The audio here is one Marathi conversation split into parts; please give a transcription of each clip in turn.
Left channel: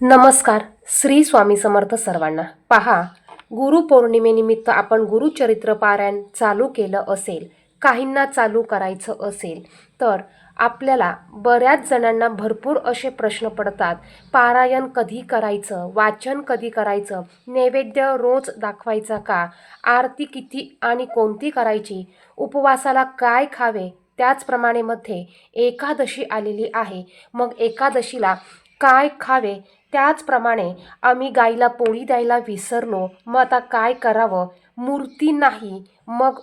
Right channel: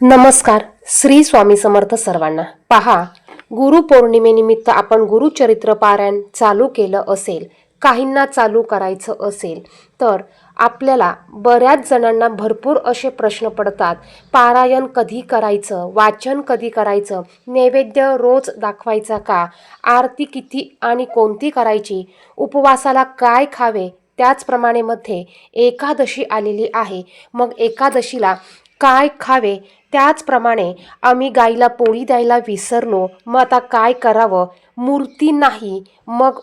नमस्कार श्री स्वामी समर्थ सर्वांना. पहा गुरुपौर्णिमेनिमित्त आपण गुरुचरित्र पारायण चालू केलं असेल काहींना चालू करायचं असेल तर आपल्याला बऱ्याच जणांना भरपूर असे प्रश्न पडतात. पारायण कधी करायचं? वाचन कधी करायचं? नैवेद्य रोज दाखवायचा का? आरती किती आणि कोणती करायची? उपवासाला काय खावे? त्याचप्रमाणे मध्ये एकादशी आलेली आहे. मग एकादशीला काय खावे? त्याचप्रमाणे आम्ही गाईला पोळी द्यायला विसरलो मग आता काय करावं? मूर्ती नाही मग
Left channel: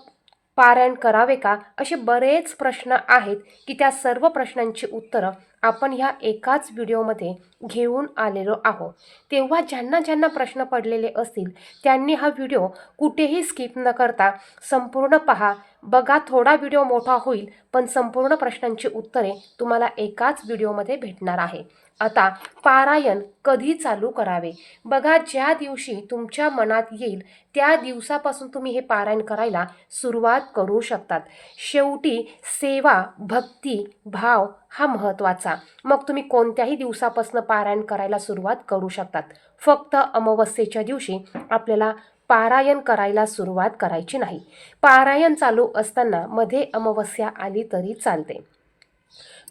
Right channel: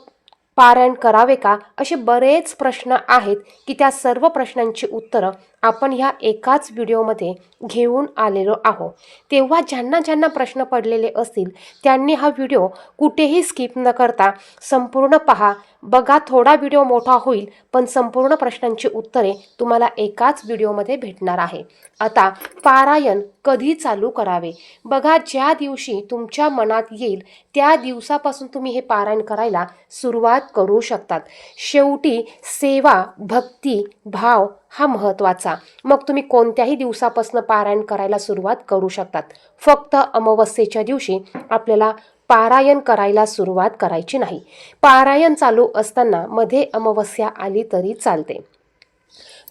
पारायण करावे का? असे बरेच प्रश्न आहेत की त्या सर्व प्रश्नांची उत्तरं आपण ह्या एकाच व्हिडिओमध्ये घेऊन आलेलो आहो. तेव्हा ज्यांना ज्यांना प्रश्न पडलेले असतील त्यांनी हा व्हिडिओ कुठेही स्किप न करता संपूर्ण पहा. बघा थोडा व्हिडिओ मोठा होईल पण संपूर्ण प्रश्नांची उत्तरे तुम्हाला एकाच व्हिडिओमध्ये भेटणार आहे. आता पारायण कधी चालू करावे? बघा ज्या दिवशी तुमच्या मनात येईल त्या दिवसापासून तुम्ही हे पारायण करायला सुरुवात करू शकतात. शेवटी सेवा भक्ती भाव हा महत्त्वाचा. मग तुम्ही कोणत्याही दिवसापासून पारायण करायला सुरुवात करू शकतात. फक्त अमावस्येच्या दिवशी आपल्याला पारायण करायला सुरुवात करायची नाही. पारायण चालू असताना मध्ये अमावस्या आली तरी चालते.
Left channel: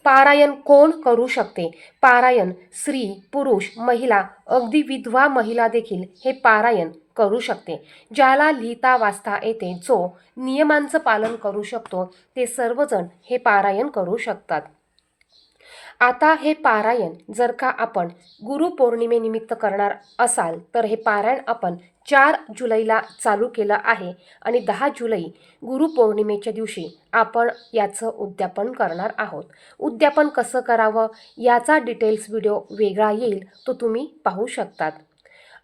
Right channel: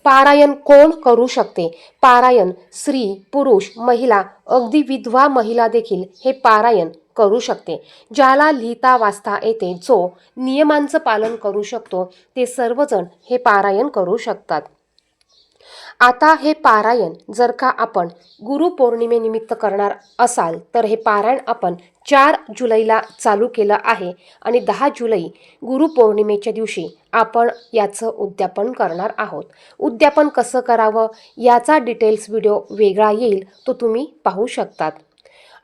पारायण कोण करू शकते? पारायण स्त्री पुरुष महिला अगदी विधवा महिला देखील हे पारायण करू शकते. ज्याला लिहिता वाचता येते जो नियमांचं पालन करू शकतो ते सर्वजण हे पारायण करू शकतात. आता हे पारायण जर का आपण गुरुपौर्णिमेनिमित्त करणार असाल तर हे पारायण आपण चार जुलैला चालू केलं आहे आणि दहा जुलै गुरुपौर्णिमेच्या दिवशी आपण याचं उद्यापन करणार आहोत. उद्यापन कसं करावं याचा डिटेल्स व्हिडिओ वेगळा येईल तो तुम्ही पाहू शकतात.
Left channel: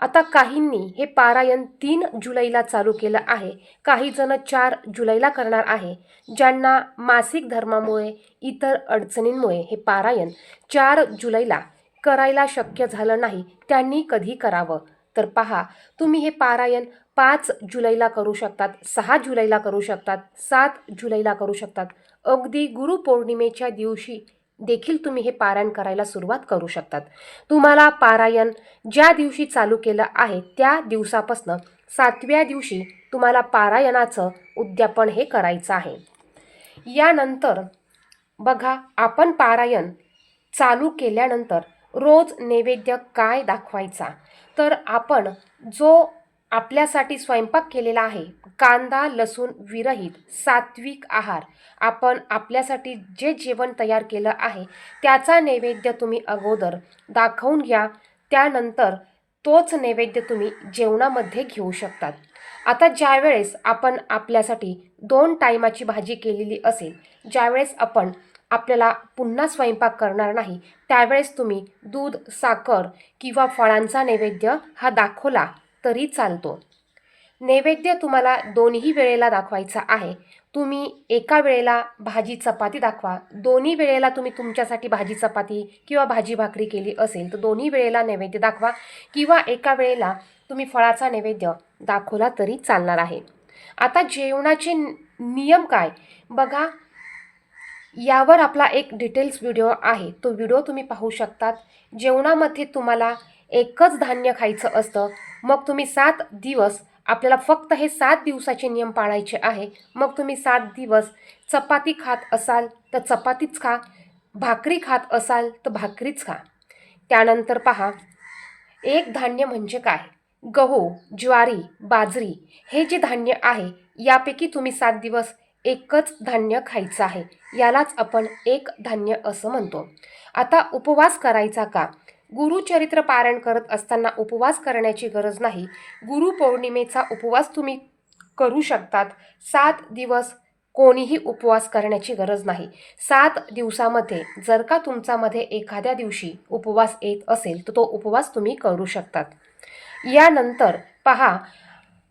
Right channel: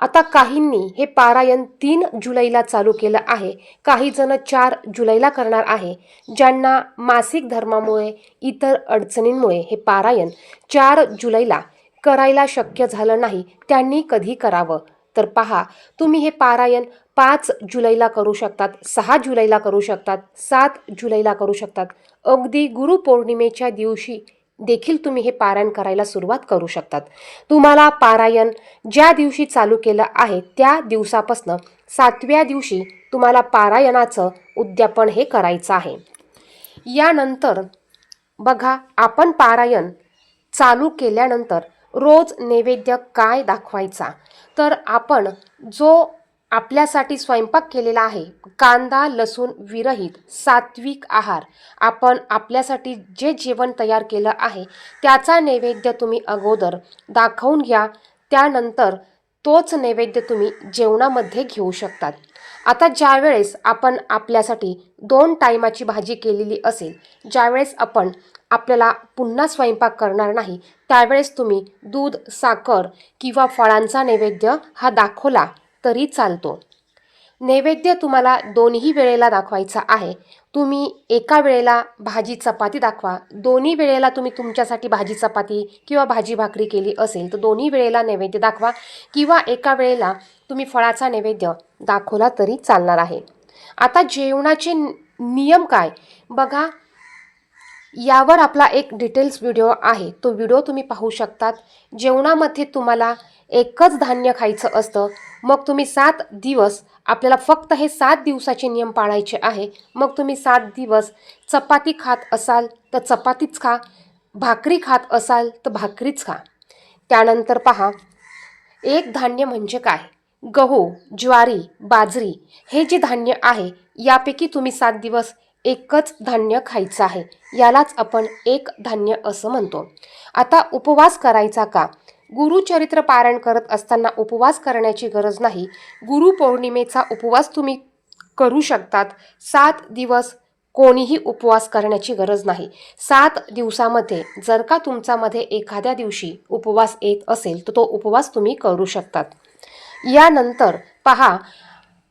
आता काहींनी हे पारायण तीन जुलैला चालू केलं आहे. काही जण चार जुलैला करणार आहे ज्यांना मासिक धर्मामुळे इतर अडचणींमुळे हे पारायण चार जुलैला करायला शक्य झालं नाही त्यांनी कधी करावं? तर पहा तुम्ही हे पारायण पाच जुलैला करू शकतात सहा जुलैला करू शकतात सात जुलैला करू शकतात. अगदी गुरुपौर्णिमेच्या दिवशी देखील तुम्ही हे पारायण करायला सुरुवात करू शकतात. तुम्हाला पारायण ज्या दिवशी चालू केलं आहे त्या दिवसापासनं सातव्या दिवशी तुम्हाला पारायणाचं उद्यापन हे करायचं आहे. यानंतर बघा आपण पारायण चालू केल्यानंतर रोज नैवेद्य काय दाखवायचा? तर आपण जो आपल्यासाठी स्वयंपाक केलेला आहे. कांदा लसूण विरहित सात्विक आहार. आपण आपल्यासाठी जे जेवण तयार केलं आहे त्याचा नैवेद्य तुम्ही अगोदर दाखवून घ्या. त्यानंतर तोच नैवेद्य तुम्ही जेवणामध्ये घेऊ शकतात. आता ज्यावेळेस आपण आपल्यासाठी दोन टायमाची भाजी केलेली असेल ज्यावेळेस आपण आपल्याला पुन्हा स्वयंपाक करणार नाही त्यावेळेस तुम्ही दूध साखर किंवा फळांचा नैवेद्य हा दाखवला. तरी चालतो. नैवेद्य तुम्हाला दोन्ही वेळेला दाखवायचा आहे. तुम्ही एका वेळेला भाजी चपाती दाखवा. दोन्ही वेळेला तुम्ही तुमच्यासाठी भाजी चपाती किंवा भाजी भाकरी केली असेल तर दोन्ही वेळेला नैवेद्य दाखवा किंवा एका वेळेला तुम्ही फळाचा नैवेद्य दाखवला तरी चालणार आहे. आता जेवणाचे नियम काय? बघा यावर आपला एक डिटेल्स व्हिडिओ आहे. तो व्हिडिओ तुम्ही पाहू शकतात. जेवणामध्ये तुम्हाला एकच धान्य खायचं असतं. मग तुम्ही सात दिवस आपल्याला फक्त हे सात दिवसाचे नियम पाळायचे आहे. मग तुम्ही सात दिवस चपाती खात असाल तर चपातीच खा भाकरी खात असाल तर भाकरीच खा. त्यानंतर पहा एक धान्य म्हणजे काय? गहू ज्वारी बाजरी हे जे धान्य आहे यापैकी तुम्ही सात दिवस एकच धान्य खायचं आहे. यालाच आपण एक धान्य असं म्हणतो. आता उपवास करायचा का? गुरुचरित्र पारायण करत असताना उपवास करण्याची गरज नाही. गुरुपौर्णिमेचा उपवास तुम्ही करू शकतात. सात दिवस कोणीही उपवास करण्याची गरज नाही. सात दिवसामध्ये जर का तुमच्यामध्ये एखाद्या दिवशी उपवास येत असेल तर तो उपवास तुम्ही करू शकतात. यानंतर पहा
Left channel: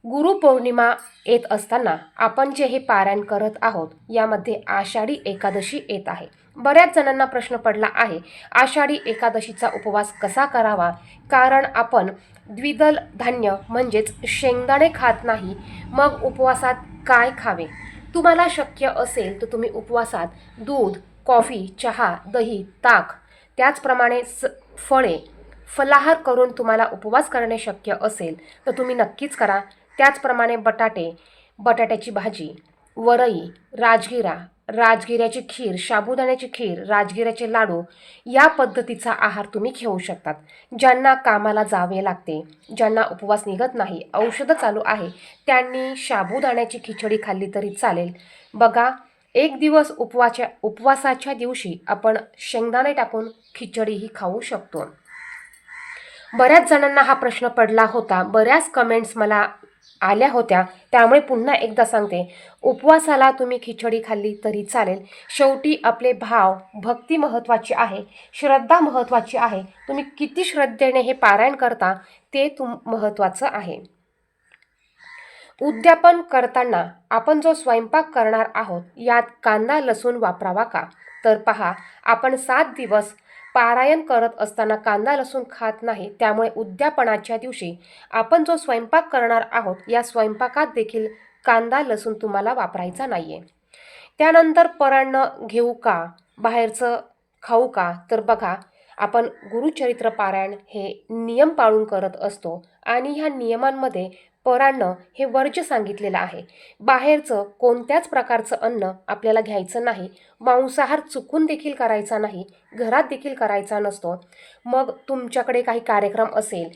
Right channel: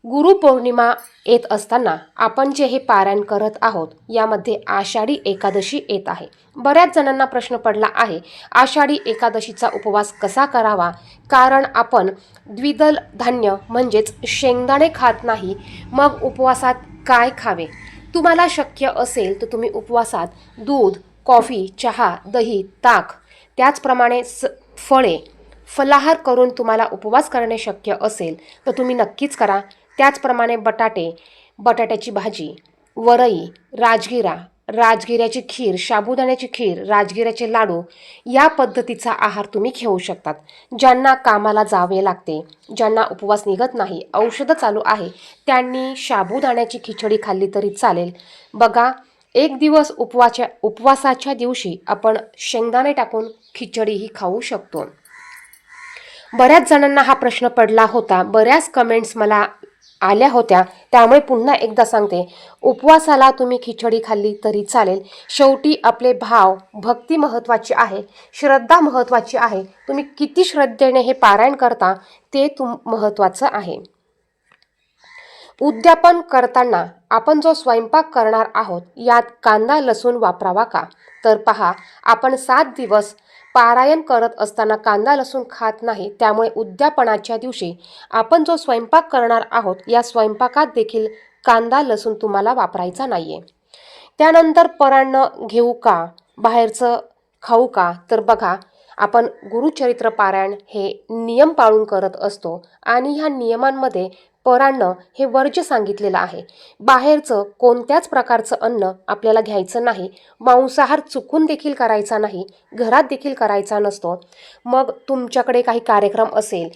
गुरुपौर्णिमा येत असताना आपण जे हे पारायण करत आहोत यामध्ये आषाढी एकादशी येत आहे. बऱ्याच जणांना प्रश्न पडला आहे आषाढी एकादशीचा उपवास कसा करावा? कारण आपण द्विदल धान्य म्हणजेच शेंगदाणे खात नाही मग उपवासात काय खावे? तुम्हाला शक्य असेल तर तुम्ही उपवासात दूध कॉफी चहा दही ताक त्याचप्रमाणे स फळे फलाहार करून तुम्हाला उपवास करणे शक्य असेल तर तुम्ही नक्कीच करा. त्याचप्रमाणे बटाटे बटाट्याची भाजी वरई राजगिरा राजगिऱ्याची खीर साबुदाण्याची खीर राजगिऱ्याचे लाडू या पद्धतीचा आहार तुम्ही घेऊ शकतात ज्यांना कामाला जावे लागते ज्यांना उपवास निघत नाही औषधं चालू आहे त्यांनी साबुदाण्याची खिचडी खाल्ली तरी चालेल. बघा एक दिवस उपवाच्या उपवासाच्या दिवशी आपण शेंगदाणे टाकून खिचडीही खाऊ शकतो. बऱ्याच जणांना हा प्रश्न पडला होता बऱ्याच कमेंट्स मला आल्या होत्या. त्यामुळे पुन्हा एकदा सांगते उपवासाला तुम्ही खिचडी खाल्ली तरी चालेल. शेवटी आपले भाव भक्ती महत्त्वाची आहे श्रद्धा महत्त्वाची आहे. तुम्ही किती श्रद्धेने हे पारायण करता ते तुम महत्त्वाचं आहे. उद्यापन करताना आपण जो स्वयंपाक करणार आहोत यात कांदा लसूण वापरावा का? तर पहा आपण सात दिवस पारायण करत असताना कांदा लसूण खात नाही त्यामुळे उद्यापनाच्या दिवशी आपण जो स्वयंपाक करणार आहोत या स्वयंपाकात देखील कांदा लसूण तुम्हाला वापरायचा नाही आहे त्यानंतर परान्न घेऊ का बाहेरचं खाऊ का तर बघा आपण गुरुचरित्र पारायण हे नियम पाळून करत असतो आणि ह्या नियमांमध्ये परान्न हे वर्ज्य सांगितलेलं आहे. बाहेरचं कोणत्याच प्रकारचं अन्न आपल्याला घ्यायचं नाही. मांसाहार चुकून देखील करायचा नाही. घरात देखील करायचा नसतो. मग तुमच्याकडे काही कार्यक्रम असेल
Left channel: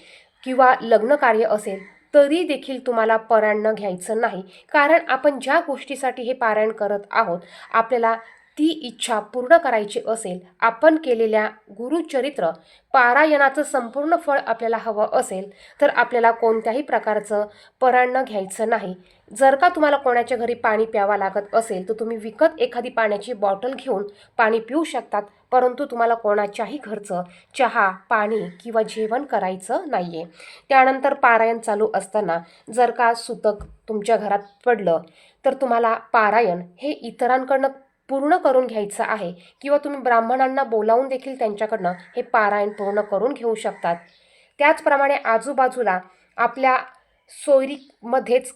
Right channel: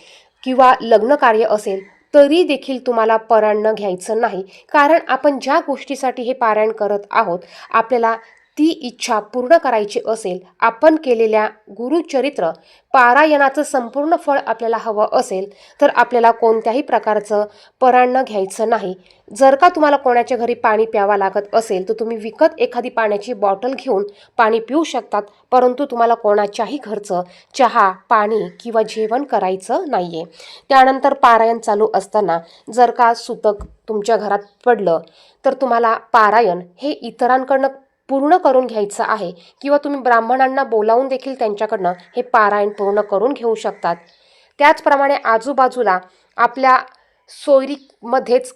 किंवा लग्न कार्य असेल तरी देखील तुम्हाला परायण घ्यायचं नाही. कारण आपण ज्या गोष्टीसाठी हे पारायण करत आहोत आपल्याला ती इच्छा पूर्ण करायची असेल आपण केलेल्या गुरुचरित्र पारायणाचं संपूर्ण फळ आपल्याला हवं असेल तर आपल्याला कोणत्याही प्रकारचं परान्न घ्यायचं नाही. जर का तुम्हाला कोणाच्या घरी पाणी प्यावं लागत असेल तर तुम्ही विकत एखादी पाण्याची बॉटल घेऊन पाणी पिऊ शकतात परंतु तुम्हाला कोणाच्याही घरचं चहा पाणी किंवा जेवण करायचं नाही आहे त्यानंतर पारायण चालू असताना जर का सुतक तुमच्या घरात पडलं तर तुम्हाला पारायण हे इतरांकडनं पूर्ण करून घ्यायचं आहे किंवा तुम्ही ब्राह्मणांना बोलावून देखील त्यांच्याकडनं हे पारायण पूर्ण करून घेऊ शकतात. त्याचप्रमाणे आजूबाजूला आपल्या सोयरीमध्येच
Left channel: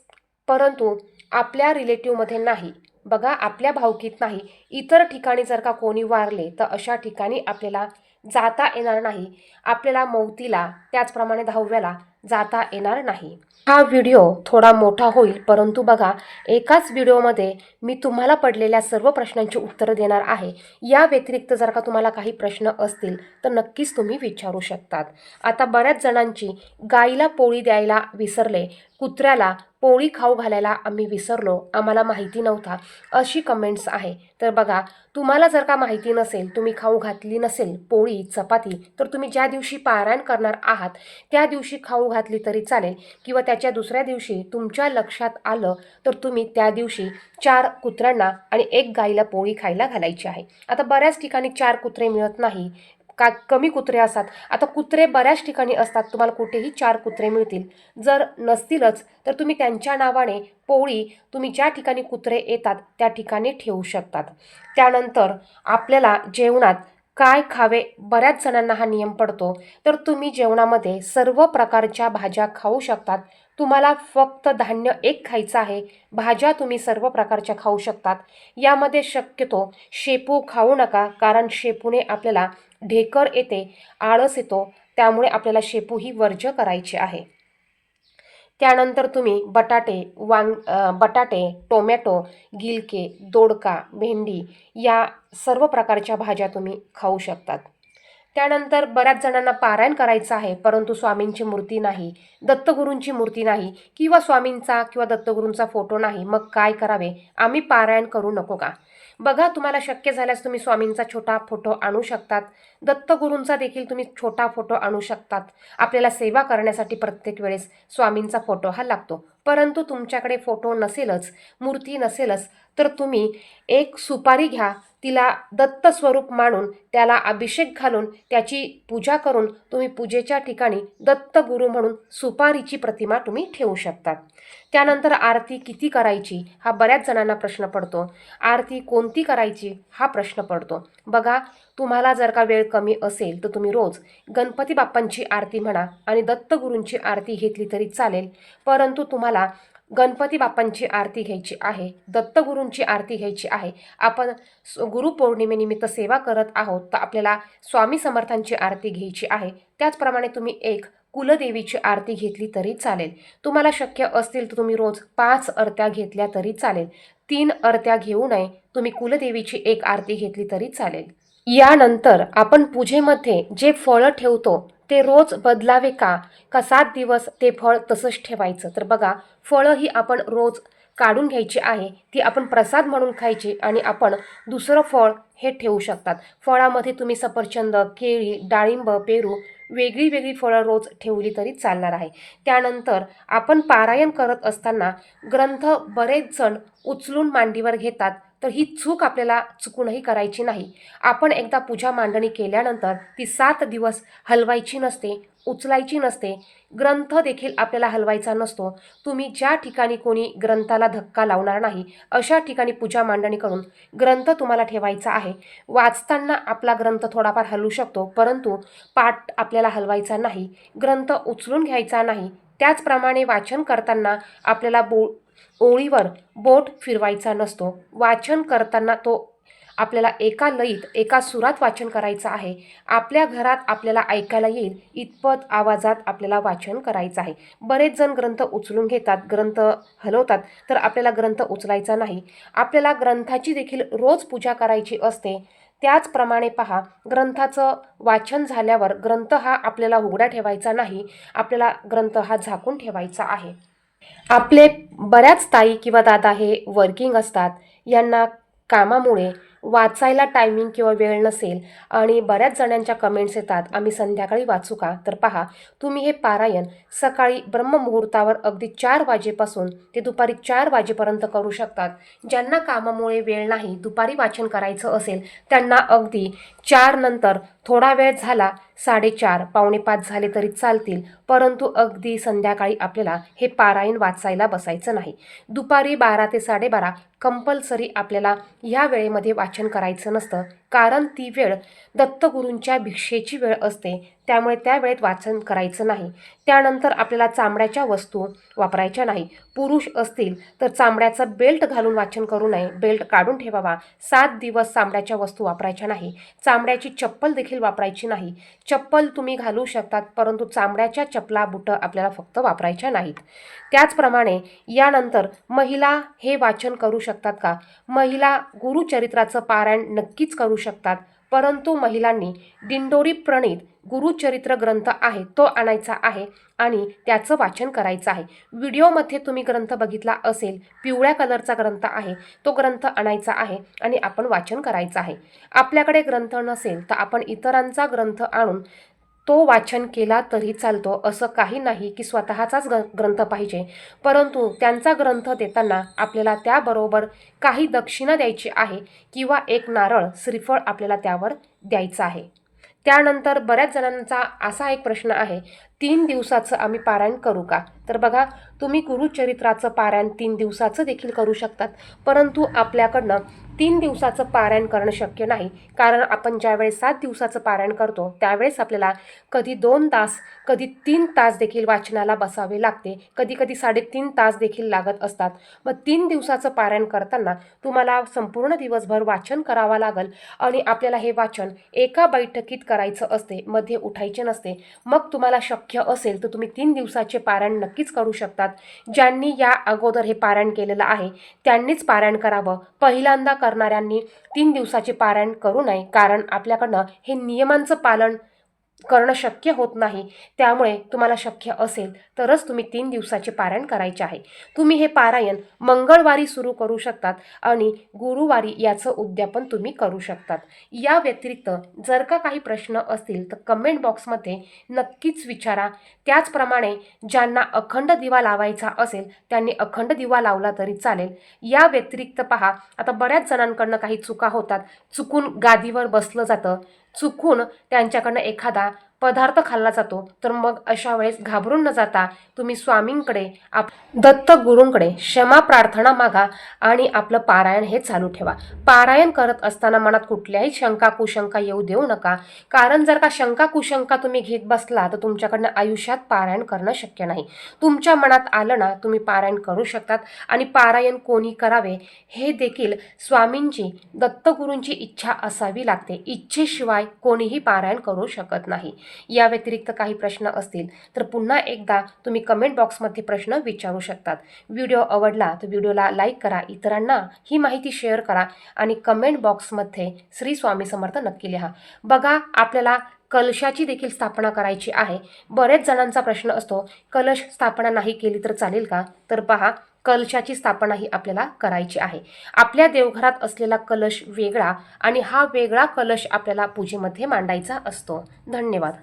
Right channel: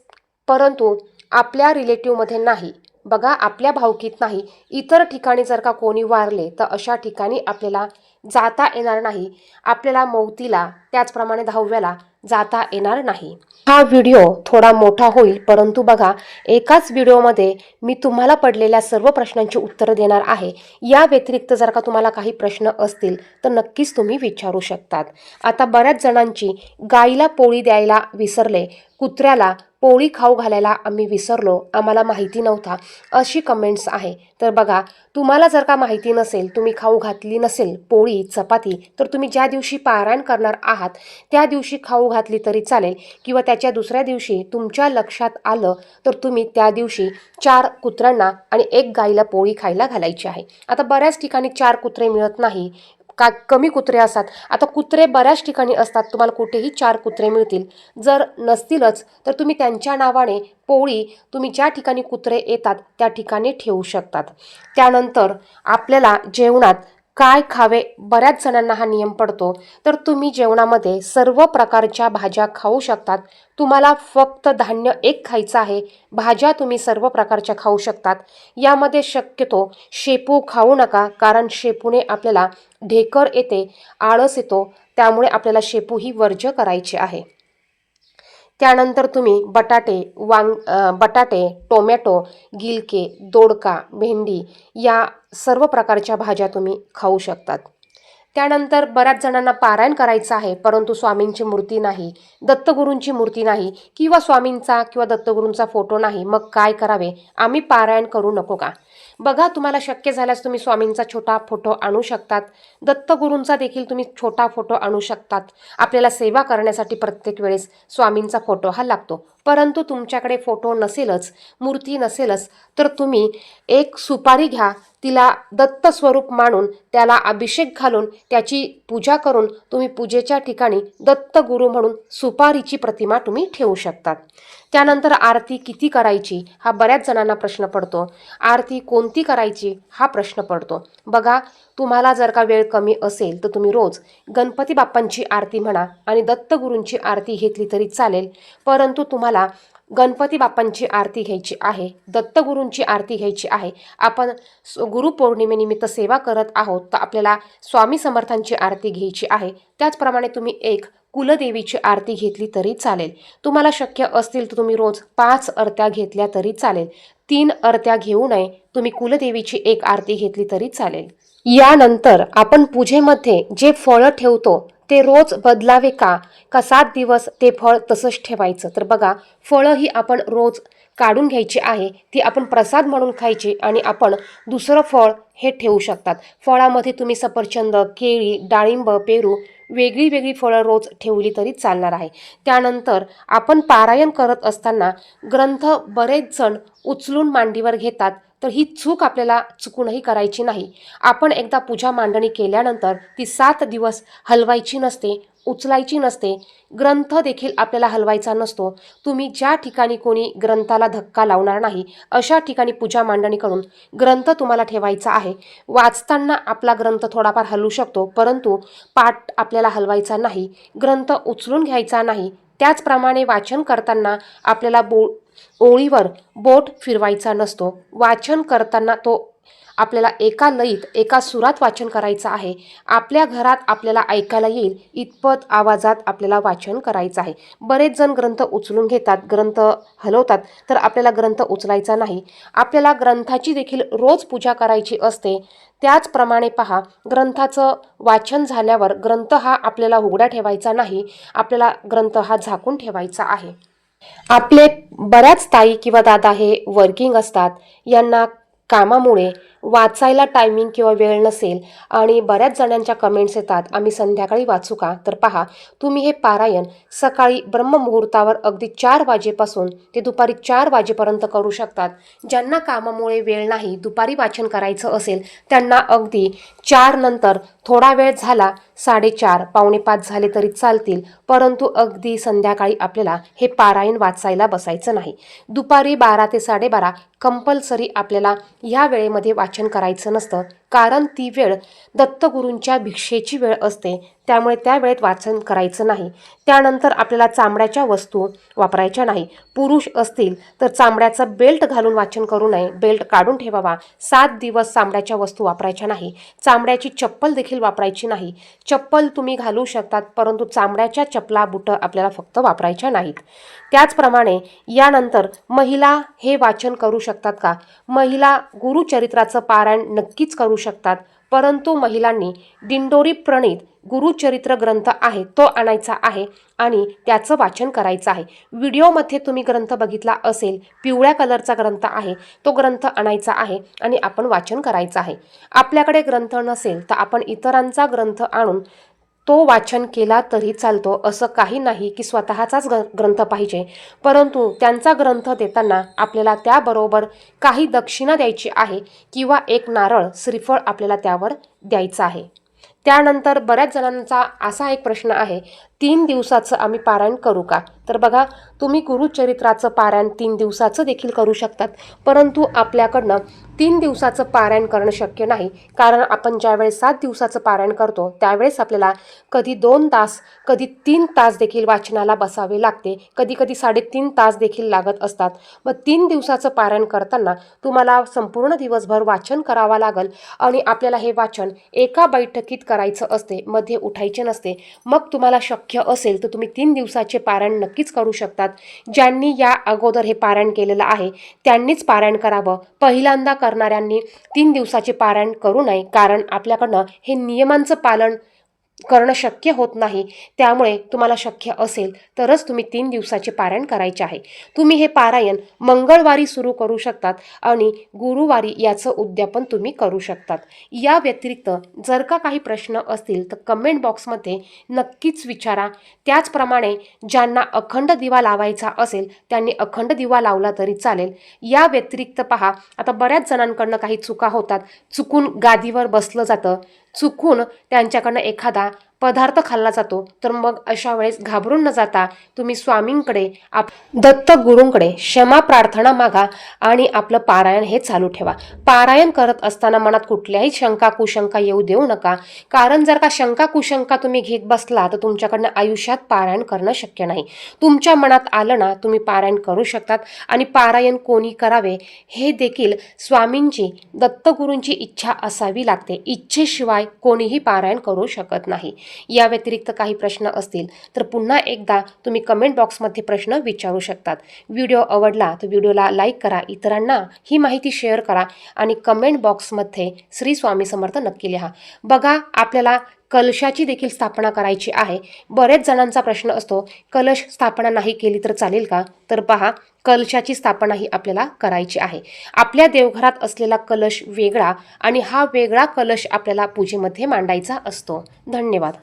परंतु आपल्या रिलेटिव्हमध्ये नाही. बघा आपल्या भावकीत नाही. इतर ठिकाणी जर का कोणी वारले तर अशा ठिकाणी आपल्याला जाता येणार नाही. आपल्याला मौतीला त्याचप्रमाणे दहाव्याला जाता येणार नाही. हा व्हिडिओ थोडा मोठा होईल परंतु बघा एकाच व्हिडिओमध्ये मी तुम्हाला पडलेल्या सर्व प्रश्नांची उत्तरं देणार आहे. या व्यतिरिक्त जर का तुम्हाला काही प्रश्न असतील तर नक्कीच तुम्ही विचारू शकतात. आता बऱ्याच जणांची गाईला पोळी द्यायला विसरले कुत्र्याला पोळी खाऊ घालायला आम्ही विसरलो. आम्हाला माहिती नव्हता. अशी कमेंट्स आहे. तर बघा तुम्हाला जर का माहिती नसेल तुम्ही खाऊ घातली नसेल पोळी चपाती तर तुम्ही ज्या दिवशी पारायण करणार आहात त्या दिवशी खाऊ घातली तरी चालेल. किंवा त्याच्या दुसऱ्या दिवशी तुमच्या लक्षात आलं तर तुम्ही त्या दिवशी चार कुत्र्यांना आणि एक गाईला पोळी खायला घालायची आहे. आता बऱ्याच ठिकाणी चार कुत्रे मिळत नाही. का कमी कुत्रे असतात? आता कुत्रे बऱ्याच ठिकाणी असतात. तुम्हाला कुठेही चार कुत्रे मिळतील. जर नसतीलच तर तुम्ही त्यांच्या नावाने पोळी तुम्ही ज्या ठिकाणी कुत्रे येतात त्या ठिकाणी ठेवू शकतात. त्यानंतर आपल्याला जेवणात काय खावे बऱ्याच जणांना हा नियम पडतो. तर तुम्ही जेवणामध्ये सर्व प्रकारच्या भाज्या खाऊ शकतात. तुम्हाला फक्त धान्य एक खायचं आहे. भाज्या तुम्ही सर्व प्रकारच्या खाऊ शकतात. यामध्ये शक्यतो शेपू खाऊ नका कारण शेपूने आपल्याला ढेकर येते आळस येतो. त्यामुळे आपल्याला शेपू ही वर्ज्य करायची आहे. त्यानंतर तुम्ही बटाटे वांग बटाटे टोमॅटो गिलके दोडका भेंडी या सर्व प्रकारच्या भाज्या तुम्ही खाऊ शकतात. त्यानंतर बऱ्याच जणांना पारायण करायचं आहे परंतु स्वामींची मूर्ती नाही दत्तगुरूंची मूर्ती नाही किंवा स्वामींचा किंवा दत्तगुरूंचा फोटो नाही मग काय करावे? आम्ही पारायण करू नको का? बघा तुम्हाला शक्य झाल्यास तुम्ही स्वामींचा छोटा फोटो आणू शकतात. दत्तगुरूंचा देखील तुम्ही छोटा फोटो आणू शकतात. आपल्याला सेवा करण्यासाठी प्रत्येक वेळेस स्वामींचा फोटो हा लागतो. परंतु तुमच्याकडे फोटो नसेलच मूर्ती नसेलच तर तुम्ही एक सुपारी घ्या तिला दत्त स्वरूप मानून त्याला अभिषेक घालून त्याची पूजा करून तुम्ही पूजेच्या ठिकाणी दत्त गुरु म्हणून सुपारीची प्रतिमा तुम्ही ठेवू शकतात. त्यानंतर आरती किती करायची हा बऱ्याच जणांना प्रश्न पडतो. आरती कोणती करायची हा प्रश्न पडतो. बघा तुम्हाला जर का वेळ कमी असेल तर तुम्ही रोज गणपती बाप्पांची आरती म्हणा आणि दत्तगुरूंची आरती घेतली तरी चालेल परंतु तुम्हाला गणपती बाप्पांची आरती घ्यायची आहे दत्तगुरूंची आरती घ्यायची आहे. आपण स- गुरुपौर्णिमेनिमित्त सेवा करत आहोत तर आपल्याला स्वामी समर्थांची आरती घ्यायची आहे. त्याचप्रमाणे तुम्ही एक कुलदेवीची आरती घेतली तरी चालेल. तुम्हाला शक्य असतील तर तुम्ही रोज पाच अर्त्या घेतल्या तरी चालेल. तीन अर्त्या घेऊ नये तुम्ही कुलदेवीची एक आरती घेतली तरी चालेल. यानंतर आपण पूजेमध्ये जे फळं ठेवतो ते रोज बदलावे का? का सात दिवस ते फळ तसंच ठेवायचं? तर बघा फळं ही आपण रोज काढून घ्यायची आहे ती आपण प्रसाद म्हणून खायची आणि आपण दुसरं फळ हे ठेवू शकतात. फळामध्ये तुम्ही सफरचंद केळी डाळिंब पेरू वेगळी वेगळी फळं रोज ठेवली तरी चालणार आहे. त्यानंतर आपण पारायण करत असताना ग्रंथ बरेच जण उचलून मांडीवर घेतात. तर ही चूक आपल्याला चुकूनही करायची नाही. आपण एकदा पूजा मांडणी केल्यानंतर ती सात दिवस हलवायची नसते उचलायची नसते. ग्रंथ देखील आपल्याला हलवायचा नसतो. तुम्ही ज्या ठिकाणी कोणी ग्रंथाला धक्का लावणार नाही अशा ठिकाणी पूजा मांडणी करून ग्रंथ तुम्हाला ठेवायचा आहे. वाचताना आपला ग्रंथ थोडाफार हलू शकतो परंतु पाठ आपल्याला हलवायचा नाही ग्रंथ उचलून घ्यायचा नाही. त्याचप्रमाणे वाचन करताना आपल्याला बो ओळीवर बोट फिरवायचा नसतो. वाचन करताना तो आपल्याला एका लयीत एका सुरात वाचन करायचं आहे. आपल्या घरात आपल्याला ऐकायला येईल इतपत आवाजात आपल्याला वाचन करायचं आहे. बरेच जण ग्रंथ उचलून घेतात ग्रंथ हलवतात तर आपल्याला ग्रंथ उचलायचा नाही. आपल्याला ग्रंथाची देखील रोज पूजा करायची असते. त्याचप्रमाणे पहा ग्रंथाचं वाचन झाल्यावर ग्रंथ हा आपल्याला उघडा ठेवायचा नाही. आपल्याला ग्रंथ हा झाकून ठेवायचा आहे. आपले बऱ्याच ताई किंवा दादा हे वर्किंग असतात. यांना कामामुळे वाचायला टायमिंग किंवा वेळ नसेल आणि बऱ्याच जणांच्या कमेंट्स येतात आम्ही संध्याकाळी वाचू का? तर पहा तुम्ही हे पारायण सकाळी ब्रह्ममुहूर्तावर अगदी चार वाजेपासून ते दुपारी चार वाजेपर्यंत करू शकतात. ज्यांना कामामुळे वेळ नाही दुपारी वाचन करायचं असेल त्यांना अगदी चार नंतर थोडा वेळ झाला साडेचार पावणे पाच झाले तरी चालतील. परंतु अगदी संध्याकाळी आपल्याला हे पारायण वाचायला बसायचं नाही. दुपारी बारा ते साडेबारा कंपल्सरी आपल्याला ह्या वेळेमध्ये वाचन करायचं नसतं. कारण ती वेळ दत्तगुरूंच्या भिक्षेची वेळ असते. त्यामुळे त्या वेळेत वाचन करायचं नाही. त्यानंतर आपल्याला चामड्याच्या वस्तू वापरायच्या नाही. पुरुष असतील तर चामड्याचा बेल्ट घालून वाचन करू नये. बेल्ट काढून ठेवावा. सात दिवस चामड्याच्या वस्तू वापरायच्या नाही. चामड्याची चप्पल देखील वापरायची नाही. चप्पल तुम्ही घालू शकतात परंतु चामड्याच्या चपला बुटं आपल्याला फक्त वापरायच्या नाहीत. त्याचप्रमाणे यानंतर महिला हे वाचन करू शकतात का? महिला गुरुचरित्राचं पारायण नक्कीच करू शकतात. परंतु महिलांनी दिंडोरी प्रणित गुरुचरित्र ग्रंथ आहे तो आणायचा आहे आणि त्याचं वाचन करायचं आहे. व्हिडिओमध्ये तुम्ही ग्रंथ बघितला असेल पिवळ्या कलरचा ग्रंथ आहे तो ग्रंथ आणायचा आहे आणि आपण वाचन करायचं आहे. आपल्याकडे ग्रंथ नसेल तर आपण इतरांचा ग्रंथ आणून तो वाचन केला तरी चालतो असं काही नाही की स्वतःचाच ग ग्रंथ पाहिजे. परंतु त्यांचा ग्रंथ देताना आपल्याला त्याबरोबर काही दक्षिणा द्यायची आहे किंवा एक नारळ श्रीफळ आपल्याला त्यावर द्यायचं आहे. त्यानंतर बऱ्याच जणांचा असा एक प्रश्न आहे तीन दिवसाचं आम्ही पारायण करू का? तर बघा तुम्ही गुरुचरित्राचं पारायण तीन दिवसाचं देखील करू शकतात. परंतु आपल्याकडनं तीन दिवसाचं पारायण करणं शक्य नाही. कारण आपण ज्यावेळेस सात दिवसाचं पारायण करतो त्यावेळेस आपल्याला कधी दोन तास कधी तीन तास देखील वाचनाला बसावे लागते. कधी कधी साडेतीन तास देखील लागत असतात. मग तीन दिवसाचं पारायण करताना तुम्हाला संपूर्ण दिवसभर वाचन करावं लागेल आणि आपल्याला हे वाचन एका बैठकीत करायचं असते मध्ये उठायचे नसते. मग तुम्हाला शक्य असेल तर तुम्ही तीन दिवसाचे पारायण नक्कीच करू शकतात. ज्यांनी या अगोदर हे पारायण केलेलं आहे त्यांनीच पारायण करावं. पहिल्यांदा करणाऱ्यांनी तीन दिवसाचे पारायण करू नये कारण आपल्याकडनं हे नियमांचं पालन करणं शक्य होत नाही. त्यामुळे तुम्हाला शक्य असेल तरच तुम्ही तीन दिवसाचे पारायण करायचे आहे. तुम्ही हे पारायण मंगळवारी सुरू करू शकतात आणि गुरुवारी याचं उद्यापन तुम्ही करू शकतात. या व्यतिरिक्त जर का काही प्रश्न असतील तर कमेंट बॉक्समध्ये नक्कीच विचारा. त्याचप्रमाणे ज्यांना अखंड दिवा लावायचा असेल त्यांनी अखंड दिवा लावला तरी चालेल. या व्यतिरिक्त पहा आता बऱ्याच जणांकडनं काही चुका होतात. चुकून गादीवर बसलं जातं. चुकून त्यांच्याकडनं एखादा पदार्थ खाल्ला जातो. तर मग अशा वेळेस घाबरून न जाता तुम्ही स्वामींकडे आप दत्त गुरूंकडे क्षमा प्रार्थना मागा आणि आपलं पारायण हे चालू ठेवा. पारायण करत असताना मनात कुठल्याही शंका कुशंका येऊ देऊ नका. कारण जर का शंका कुशंका तुम्ही घेत बसला तर तुमच्याकडनं आयुष्यात पारायण करणं शक्य नाही. तुमच्या मनात आलं ना तुम्ही पारायण करू शकतात आणि पारायण कोणी करावे हे देखील स्वामींची दत्तगुरूंची इच्छा असावी लागते. इच्छेशिवाय कोणीही पारायण करू शकत नाही. या व्यतिरिक्त काही प्रश्न असतील तर पुन्हा एकदा तुम्ही कमेंट बॉक्समध्ये प्रश्न विचारू शकतात. व्हिडिओ आवडला तर व्हिडिओला लाईक करा इतरांना ही माहिती शेअर करा आणि कमेंट बॉक्समध्ये श्री स्वामी समर्थ नक्की लिहा. बघा आपल्याला कलशाची देखील स्थापना करायची आहे. बरेच जणांचा प्रश्न असतो कलश स्थापना नाही केली तर चालेल का? तर पहा कलशाची स्थापना ही आपल्याला करायची आहे. आपल्या देवघरात असलेला कलश वेगळा आणि हा वेगळा कलश आपल्याला पूजेमध्ये मांडायचा असतो. धन्यवाद.